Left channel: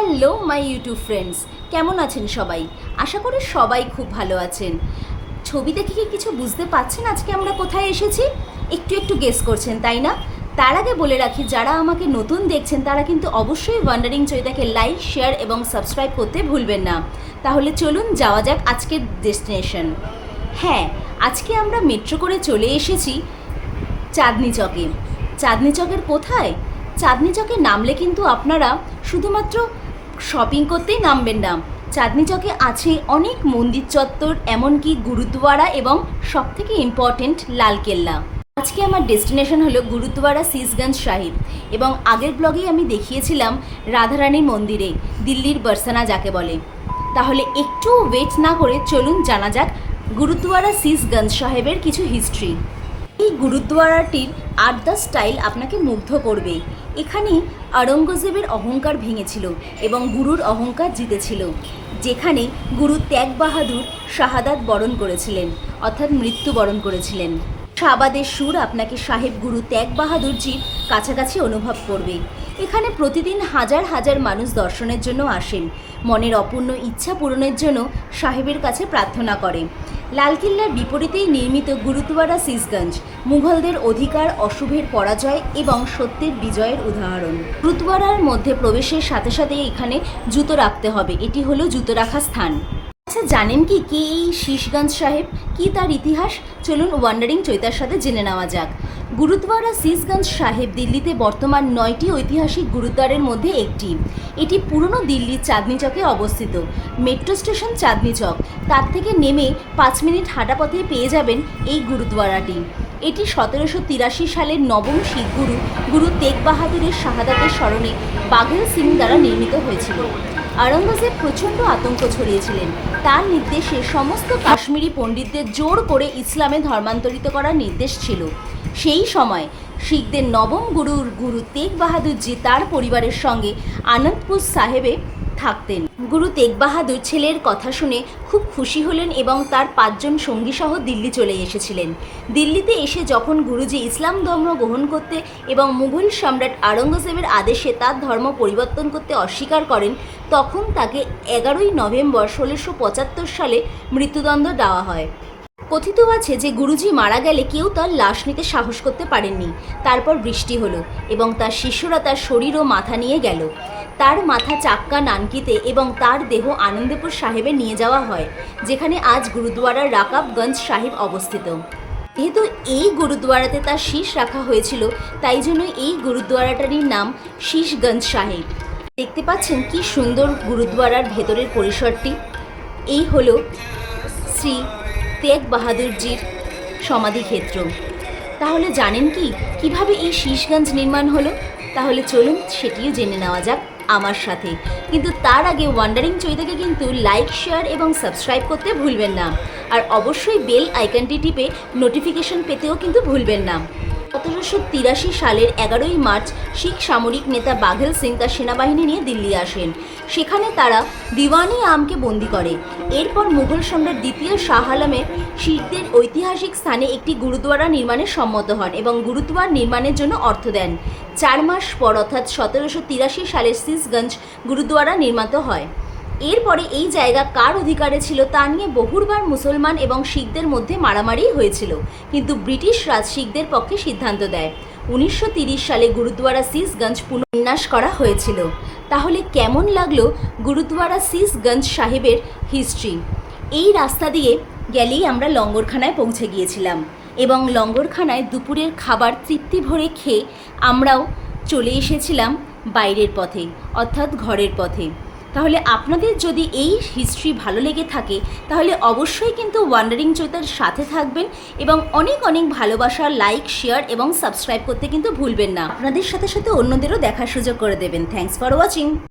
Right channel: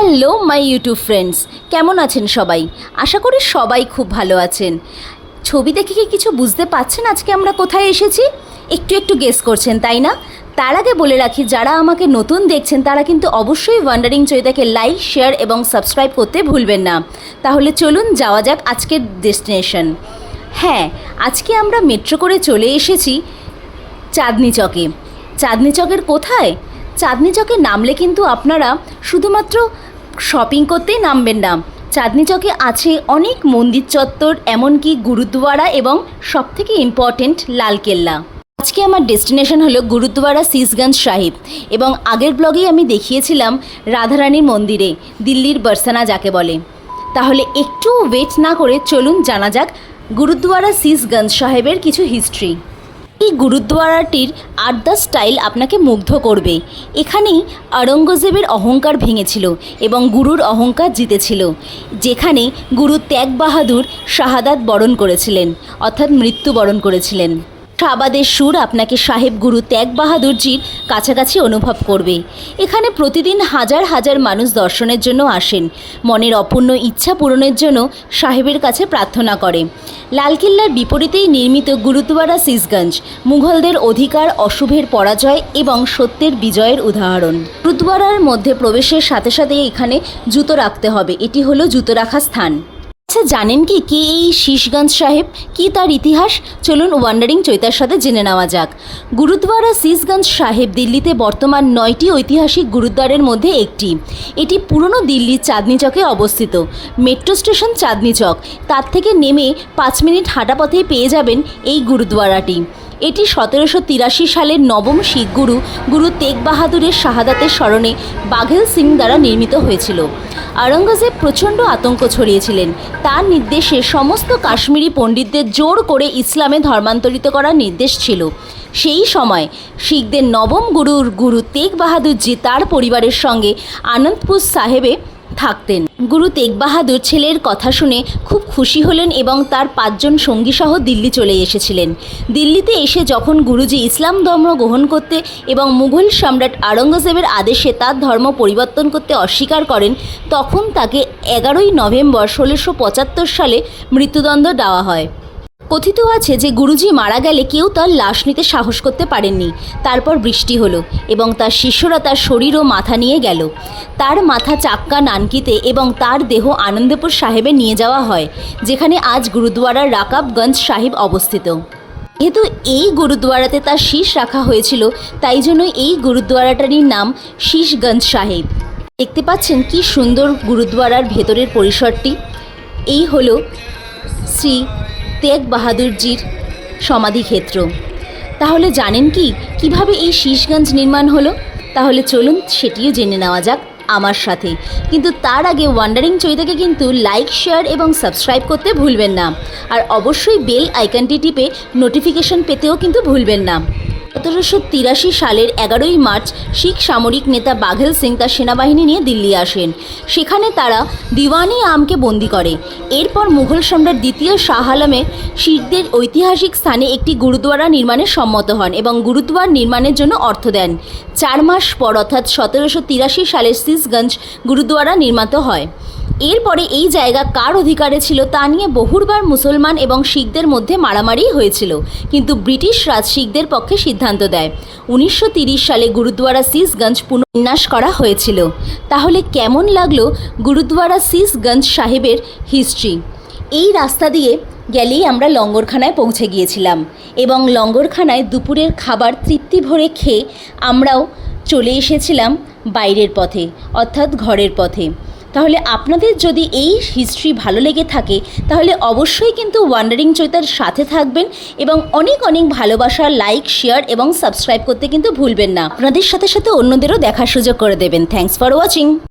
Hello my YouTube friends, কেমন আছেন সবাই? আশা করি সবাই খুব ভালো আছেন। ছবি দেখে কি কিছু বুঝতে পারছেন আজকে আমরা কোথায় এসেছি? একটু একটু গেস করছেন, তাই না? তার আগে বলে রাখি, যারা আমাকে নতুন দেখছেন তারা কিন্তু অবশ্যই ওয়ান্ডারিং চৈতাকে লাইক, শেয়ার এবং সাবস্ক্রাইব করতে ভুলবেন না। তাহলে চলুন যাওয়া যাক আজকের ডেস্টিনেশন। হ্যাঁ, আজকে আমরা মেট্রো করে চলে এসেছি চাঁদনি চকে। চাঁদনি চকের কোথায়? চাঁদনি চকে নামলে কিন্তু আপনারা শুধুমাত্র শপিং করতেই নামবেন না। চাঁদনি চকে আছে অনেক মন্দির চত্বর, এমনকি গুরুদ্বারা এবং সবথেকে ইম্পর্টেন্ট লালকেল্লা। আজকে আমার ডেস্টিনেশন হলো গুরুদ্বারা সিসগঞ্জ সাহিব, এবং আগের ব্লগেই আমি দেখিয়েছিলাম রাধারানীর মন্দিরে, দিল্লির বরসানা যাকে বলে। তাহলে একটু ওয়েট না করে চলুন জানা যাক গুরুদ্বারা সিসগঞ্জ সাহেবের কিছু হিস্ট্রি। এই গুরুদ্বারাটির আড্ডা স্টাইল আপনাকে মুগ্ধ করবে। এখানেই আওরঙ্গজেবের অহংকার ভেঙেছিল এবং গুরুর অহংকার জিতেছিল, যেখানে গুরু ত্যাগ বাহাদুর শাহাদাত বরণ করেছিলেন, অর্থাৎ মৃত্যুবরণ করেছিলেন। শাবাদের সুর আপনাকে সাহেব গুরু ত্যাগ বাহাদুরজির কাছাকাছি অনুভব করবে। এখানে প্রতিদিন হাজার হাজার মানুষ দর্শনের জন্য আসেন, মনের অপূর্ণ ইচ্ছা পূরণের জন্য সাহেবের কাছে প্রার্থনা করে। লালকেল্লার বিপরীতেই নির্মিত গুরুদ্বারা সিসগঞ্জ মুঘলদের অধিকার, অশুভের পরাজয় এবং সত্যের বিজয়ের উদাহরণ। গুরুদ্বারার মধ্যে প্রবেশের সাথে সাথে এখানে জুতো রাখতে হবে, এটি হলো জুতো রাখার স্থান। আচ্ছা, জানেন কি কে এই সিসগঞ্জ সাহেব, কি তার ইতিহাস? চলুন ওয়ান্ডারিং চৈতার সাথে জেনে নেওয়া যাক। গুরুদ্বারা সিসগঞ্জ সাহেব দিল্লিতে বর্তমান 9টি ঐতিহাসিক গুরুদ্বারের মধ্যে একটি। এটি পুরনো দিল্লির চাঁদনি চকে অবস্থিত। মেট্রো স্টেশন চাঁদনি চক, তার থেকে নেমে 5 মিনিট হাঁটা পথেই পেয়ে যাবেন এই গুরুদ্বারাটি। এটি 1783 সালের নবম শিখ গুরু গুরু তেগ বাহাদুরের শাহাদাতের স্মরণে বাঘেল সিং দ্বারা নির্মিত হয়েছিল। আওরঙ্গজেব প্রচণ্ড আতঙ্ক ছড়িয়েছিলেন। তার নির্দেশে সমস্ত কাশ্মীরি পণ্ডিতদের জোর করে ইসলামে ধর্মান্তরিত করার নির্দেশ ছিল। সেই সময় শিখদের নবম গুরু তেগ বাহাদুরজি তার পরিবারের সঙ্গে আনন্দপুর সাহেবে থাকতেন। গুরু তেগ বাহাদুর ছেলের কথা শুনে খুব খুশি হলেন এবং তার 5 জন সঙ্গীসহ দিল্লি চলে এসেছিলেন। দিল্লিতে এসে যখন গুরুজি ইসলাম ধর্ম গ্রহণ করতে এবং মুঘল সম্রাট আওরঙ্গজেবের আদেশে তার ধর্ম পরিবর্তন করতে অস্বীকার করেন, তখন তাকে 11ই নভেম্বর 1675 সালে মৃত্যুদণ্ড দেওয়া হয়। কথিত আছে যে গুরুজি মারা গেলে কেউ তার লাশ নিতে সাহস করতে পারেননি। তারপর বৃষ্টি হলো এবং তার শিষ্যরা তার শরীর ও মাথা নিয়ে গেল। তার মাথা চাক্কা নানকিতে এবং তার দেহ আনন্দপুর সাহেবে নিয়ে যাওয়া হয়, যেখানে আজ গুরুদ্বারা রাকাবগঞ্জ সাহিব অবস্থিত। যেহেতু এই গুরুদ্বারাতে তার শীষ রাখা হয়েছিল, তাই জন্য এই গুরুদ্বারাটারই নাম সিসগঞ্জ সাহিব। দেখতে পাচ্ছেন কি সুন্দর গুরুদ্বারার ভেতরের পরিসরটি। এই হলো শ্রী তেগ বাহাদুরজির সমাধিক্ষেত্র। তাহলে জানেন কি কিভাবে এই সিসগঞ্জ নির্মাণ হলো? তাহলে চলুন সেটিও জেনে নেওয়া যাক আমার সাথে। কিন্তু তার আগে ওয়ান্ডারিং চৈতাকে কিন্তু লাইক, শেয়ার এবং সাবস্ক্রাইব করতে ভুলবেন না। আর অবশ্যই বেল আইকনটি টিপে নোটিফিকেশন পেতেও কিন্তু ভুলবেন না। 1783 সালের 11ই মার্চ শিখ সামরিক নেতা বাঘেল সিং তার সেনাবাহিনী নিয়ে দিল্লি আসেন। সেখানে তারা দিওয়ানি আমকে বন্দি করে। এরপর মুঘল সম্রাট দ্বিতীয় শাহ আলমের শিখদের ঐতিহাসিক স্থানে একটি গুরুদ্বারা নির্মাণে সম্মত হন এবং গুরুদ্বার নির্মাণের জন্য অর্থ দেন। 4 মাস পর অর্থাৎ 1783 সালে সিসগঞ্জ গুরুদ্বারা নির্মিত হয়। এরপরে এই জায়গা কার অধিকারে ছিল তা নিয়ে বহুবার মুসলমান এবং শিখদের মধ্যে মারামারি হয়েছিল, কিন্তু ব্রিটিশ রাজ শিখদের পক্ষে সিদ্ধান্ত দেয়। 1930 সালে গুরুদ্বারা সিসগঞ্জ পুনর্বিন্যাস করা হয়েছিল। তাহলে কেমন লাগলো গুরুদ্বারা সিসগঞ্জ সাহেবের হিস্ট্রি? এই রাস্তা দিয়ে গেলেই আমরা লঙ্গরখানায় পৌঁছে গিয়েছিলাম এবং লঙ্গরখানায় দুপুরের খাবার তৃপ্তি ভরে খেয়ে আমরাও চলে এসেছিলাম বাইরের পথে, অর্থাৎ ঘরের পথে। তাহলে আপনাদের যদি এই হিস্ট্রি ভালো লেগে থাকে তাহলে অবশ্যই কিন্তু ওয়ান্ডারিং চৈতার সাথে থাকবেন এবং অনেক অনেক ভালোবাসা, লাইক, শেয়ার এবং সাবস্ক্রাইব করতে কিন্তু ভুলবেন না। আপনাদের সাথে সাথে অন্যদেরও দেখার সুযোগ করে দেবেন। Thanks for watching.